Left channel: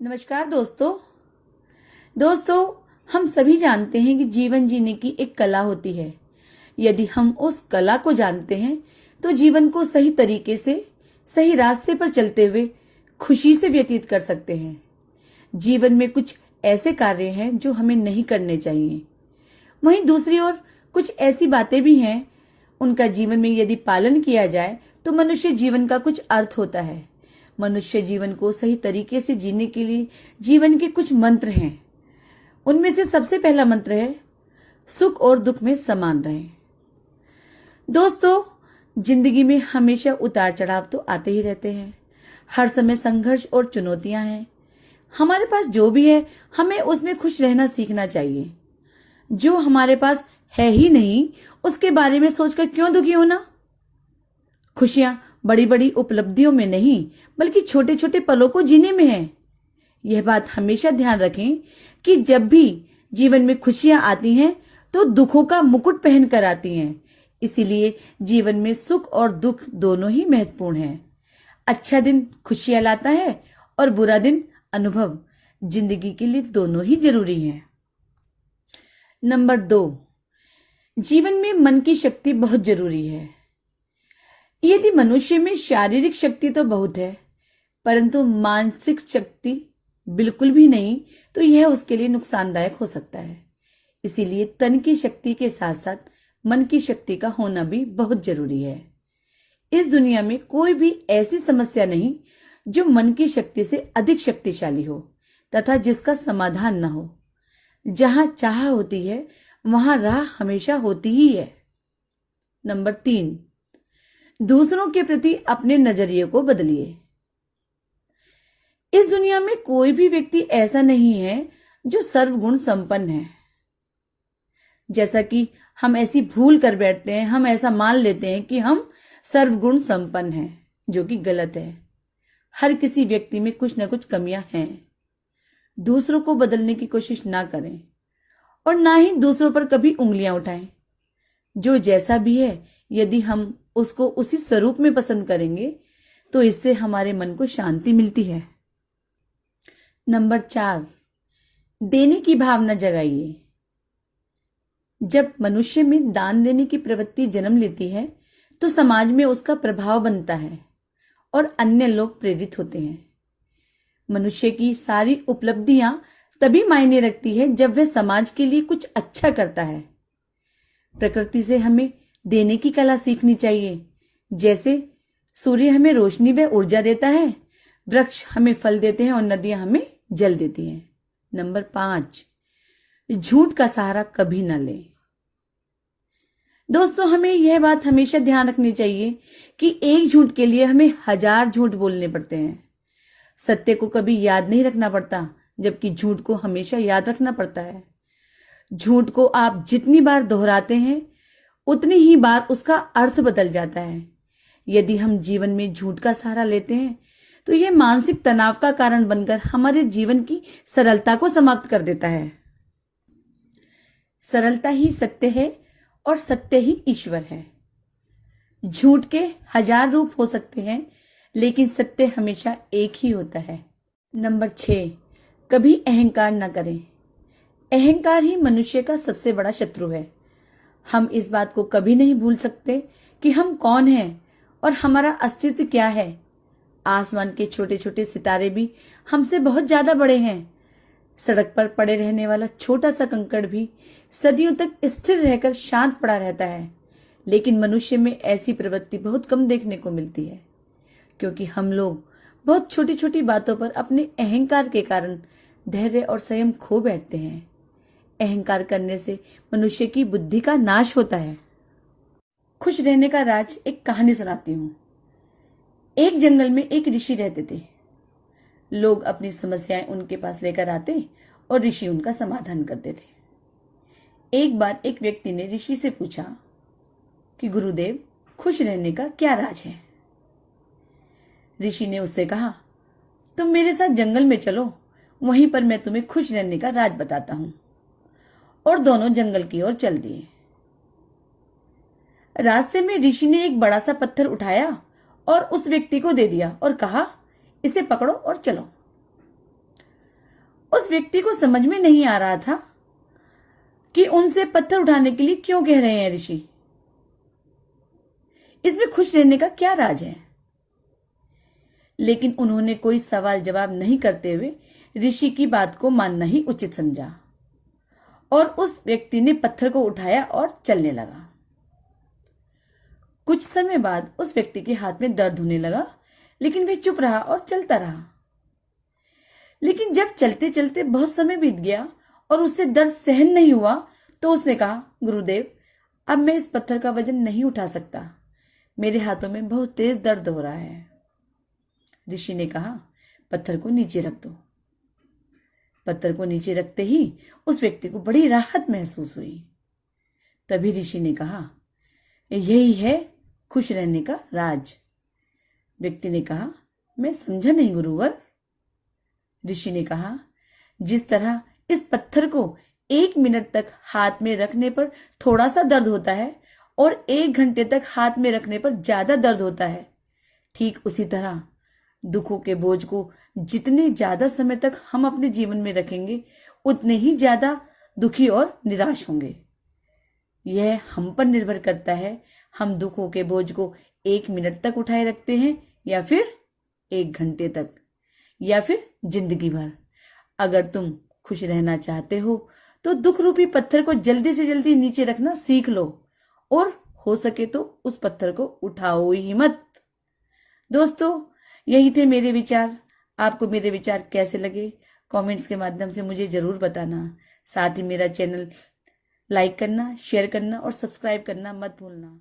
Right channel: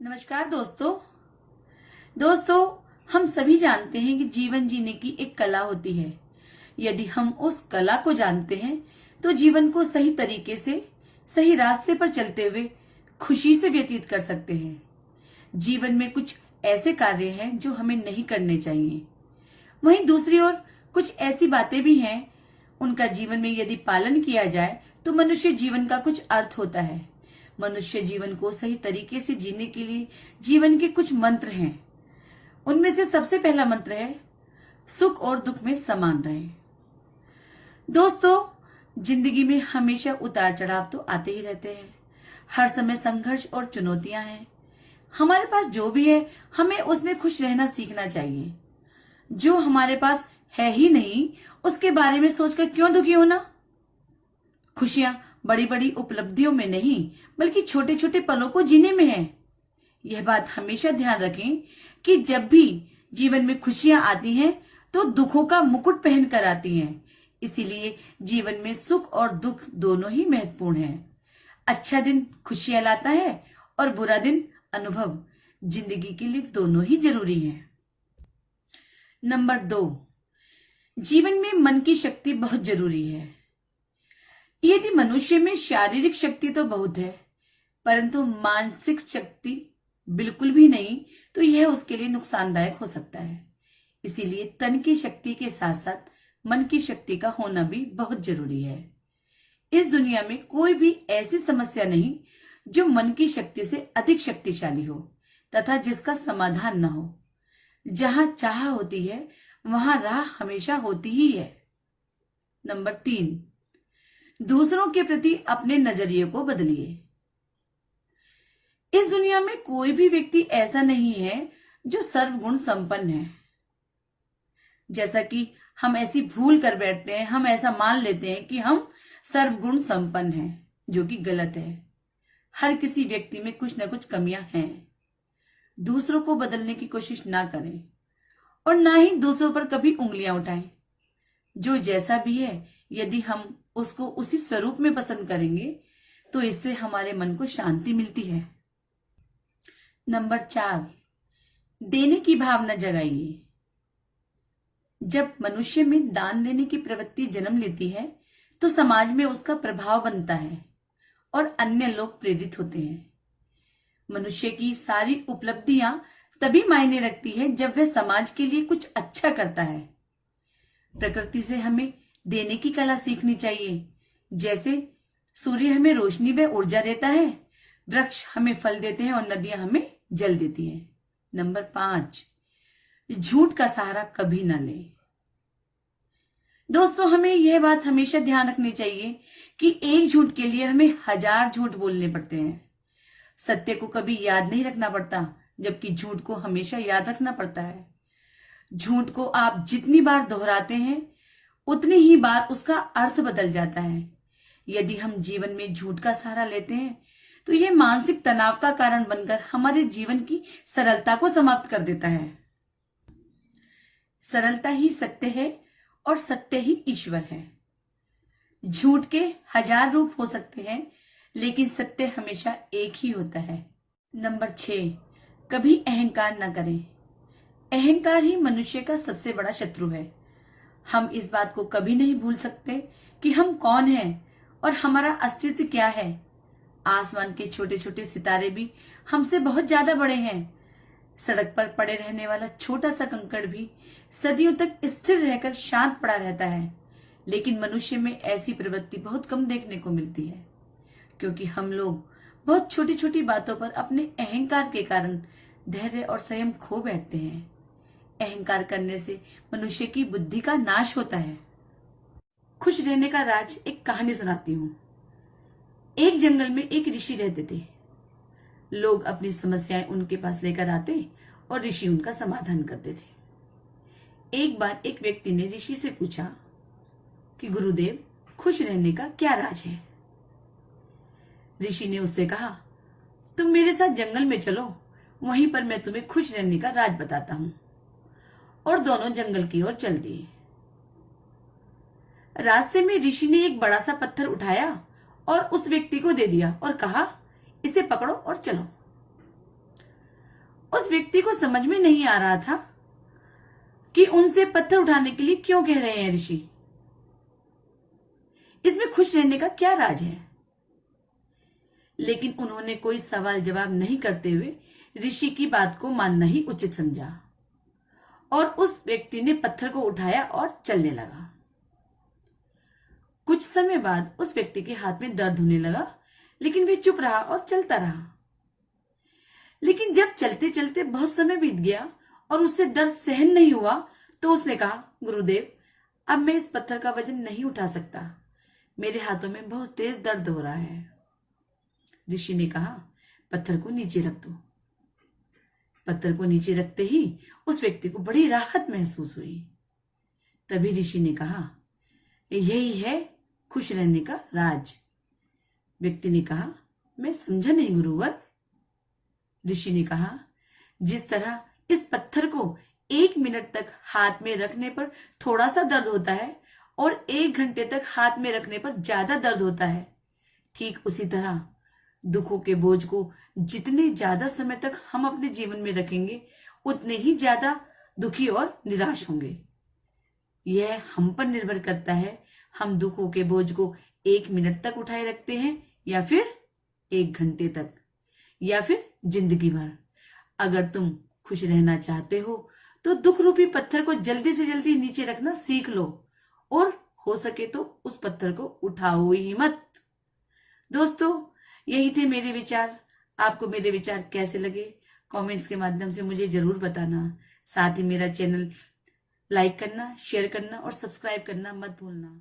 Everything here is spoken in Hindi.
नमस्कार दोस्तों। हम सभी जानते हैं कि जीवन जीने की एक कला होती है। यदि हम उस कला को जानते हैं तो जीवन को सही तरीके से सही रास्ते पर चलते हुए खुशी से व्यतीत कर सकते हैं। जीवन में कुछ ऐसे कार्य हैं जो हमें नहीं करने चाहिए। वहीं दूसरी ओर कुछ ऐसी बातें भी हैं, उनका जीवन में यदि पालन किया जाए तो मनुष्य जीवन का कुछ अर्थ होता है। मनुष्य जीवन को सही तरीके से जीने के लिए जीवन के कुछ मंत्र हैं। उनमें से सबसे पहला मंत्र है, सुख और दुख में समान रहें। दोस्तों, जिंदगी में हमेशा उतार चढ़ाव तो आते ही रहते हैं। हर समय संघर्ष और चुनौतियां हैं। हमारे पास जो भी है हमें उसमें खुश रहना सीखना चाहिए। जो हमारे पास है ही नहीं उसके बारे में सोचकर क्यों दुखी होना। खुशियां बड़ी बड़ी उपलब्धियों में नहीं बल्कि छोटे छोटे पलों को जीने में है। यह बात हमेशा ध्यान रखें कि जब भी जीवन में खुशियां आती हैं तो दुखों का मुकुट पहनकर आती हैं। इसीलिए जीवन में सुख और दुख दोनों ही महत्वपूर्ण हैं। अच्छा दिन खुशियां लाता है और बुरा दिन अनुभव। जिंदगी के लिए दोनों ही जरूरी हैं। नंबर 2, जीवन में मन की शक्ति बहुत जरूरी है। यदि मनुष्य में शारीरिक शक्ति तो बहुत है परंतु मानसिक शक्ति बिल्कुल भी नहीं तो यह उसके लिए नुकसानदायक हो सकता है। इसीलिए तन की शक्ति के साथ साथ मन की शक्ति का होना भी बहुत जरूरी है। इस दुनिया में कोई भी ऐसी समस्या नहीं जो मन की शक्ति से अधिक शक्तिशाली हो तथा जिसका समाधान न हो। जहां चाह होती है वहां राह हमेशा होती ही है। नंबर 3, दूसरों के प्रति अपने नजरिए को बदलिए। इस दुनिया में कोई भी व्यक्ति ऐसा नहीं है जो सर्वगुण संपन्न है। जैसा कि हम ऐसी भूल कर बैठते हैं, हम ऐसा मान लेते हैं कि हम सर्वगुण संपन्न हैं, जो कि गलत है। हर किसी व्यक्ति में कुछ ना कुछ कमियां हैं। दूसरों को बदलने की कोशिश ना करें और ना ही दूसरों पर कभी उंगलियां उठाएं। जो जैसा भी है यदि हम उसको उसी स्वरूप में पसंद करेंगे तो इससे हमारे मन को शांति मिलती है। नंबर 4, देने की भावना जगाइए। जब मनुष्य में दान देने की प्रवृत्ति जन्म लेती है तो समाज में उसका प्रभाव बनता है और अन्य लोग प्रेरित होते हैं। मनुष्य की सारी उपलब्धियां तभी मायने रखती है जब वह समाज के लिए कुछ अच्छा करता है। प्रकृति से हमें देने की कला सीखनी चाहिए। जैसे सूर्य हमें रोशनी व ऊर्जा देता है, वृक्ष हमें फल देते हैं और नदियां हमें जल देती हैं। नंबर 5, झूठ का सहारा कभी न लें। दोस्तों, हमें यह बात हमेशा ध्यान रखनी चाहिए कि एक झूठ के लिए हमें 1000 झूठ बोलने पड़ते हैं। सत्य को कभी याद नहीं रखना पड़ता जबकि झूठ को हमेशा याद रखना पड़ता है। झूठ को आप जितनी बार दोहराते हैं उतनी ही बार उसका अर्थ बदल जाता है। यदि हम जीवन में झूठ का सहारा लेते हैं तो यह मानसिक तनाव का कारण बनकर हमारे जीवन की सरलता को समाप्त कर देता है। सरलता ही सत्य है और सत्य ही ईश्वर है। झूठ के 1000 रूप हो सकते हैं लेकिन सत्य हमेशा एक ही होता है। नंबर 6, कभी अहंकार न करें। अहंकार ही मनुष्य का सबसे बड़ा शत्रु है। हम इस बात को कभी नहीं भूल सकते कि हम कौन हैं और हमारा अस्तित्व क्या है। आसमान के छोटे छोटे सितारे भी हमसे बहुत ज्यादा बड़े हैं। सड़क पर पड़े रहने वाला छोटा सा कंकड़ भी सदियों तक स्थिर रहकर शांत पड़ा रहता है। लेकिन मनुष्य में ऐसी प्रवृत्ति बहुत कम देखने को मिलती है क्योंकि हम लोग बहुत छोटी छोटी बातों पर अपने अहंकार के कारण धैर्य और संयम खो बैठते हैं। अहंकार करने से मनुष्य की बुद्धि का नाश होता है। खुश रहने का राज एक कहानी सुनाती हूँ। एक जंगल में एक ऋषि रहते थे। लोग अपनी समस्याएं उनके पास लेकर आते और ऋषि उनका समाधान करते थे। एक बार एक व्यक्ति ने ऋषि से पूछा कि गुरुदेव, खुश रहने का क्या राज है। ऋषि ने उससे कहा, तुम मेरे साथ जंगल में चलो, वहीं पर मैं तुम्हें खुश रहने का राज बताता हूं। और दोनों जंगल की ओर चल दिए। रास्ते में ऋषि ने एक बड़ा सा पत्थर उठाया और उस व्यक्ति को दे दिया और कहा, इसे पकड़ो और चलो। उस व्यक्ति को समझ में नहीं आ रहा था कि उनसे पत्थर उठाने के लिए क्यों कह रहे हैं ऋषि। इसमें खुश रहने का क्या राज है। लेकिन उन्होंने कोई सवाल जवाब नहीं करते हुए ऋषि की बात को मानना ही उचित समझा और उस व्यक्ति ने पत्थर को उठाया और चलने लगा। कुछ समय बाद उस व्यक्ति के हाथ में दर्द होने लगा, लेकिन वह चुप रहा और चलता रहा। लेकिन जब चलते चलते बहुत समय बीत गया और उससे दर्द सहन नहीं हुआ, तो उसने कहा, गुरुदेव, अब मैं इस पत्थर का वजन नहीं उठा सकता, मेरे हाथों में बहुत तेज दर्द हो रहा है। ऋषि ने कहा, पत्थर को नीचे रख दो। पत्थर को नीचे रखते ही उस व्यक्ति को बड़ी राहत महसूस हुई। तभी ऋषि ने कहा, यही है खुश रहने का राज। व्यक्ति ने कहा, मैं समझा नहीं गुरुवर। ऋषि ने कहा, जिस तरह इस पत्थर को 1 मिनट तक हाथ में रखने पर थोड़ा सा दर्द होता है और 1 घंटे तक हाथ में रखने पर ज्यादा दर्द होता है, ठीक उसी तरह दुखों के बोझ को जितने ज्यादा समय तक हम अपने जीवन में रखेंगे, उतने ही ज्यादा दुखी और निराश होंगे। यह हम पर निर्भर करता है, हम दुखों के बोझ को 1 मिनट तक उठाए रखते हैं या फिर 1 घंटे तक या फिर जिंदगी भर। अगर तुम खुश रहना चाहते हो तो दुख रूपी पत्थर को जल्दी से जल्दी नीचे रखना सीख लो और हो सके तो उस पत्थर को उठाओ ही मत। दोस्तों, यही थे मेरे विचार। आपको मेरे विचार कैसे लगे, कमेंट्स के माध्यम से मुझे जरूर बताना। साथ ही मेरा चैनल लाइक करना, शेयर करना और सब्सक्राइब करना मत भूलना।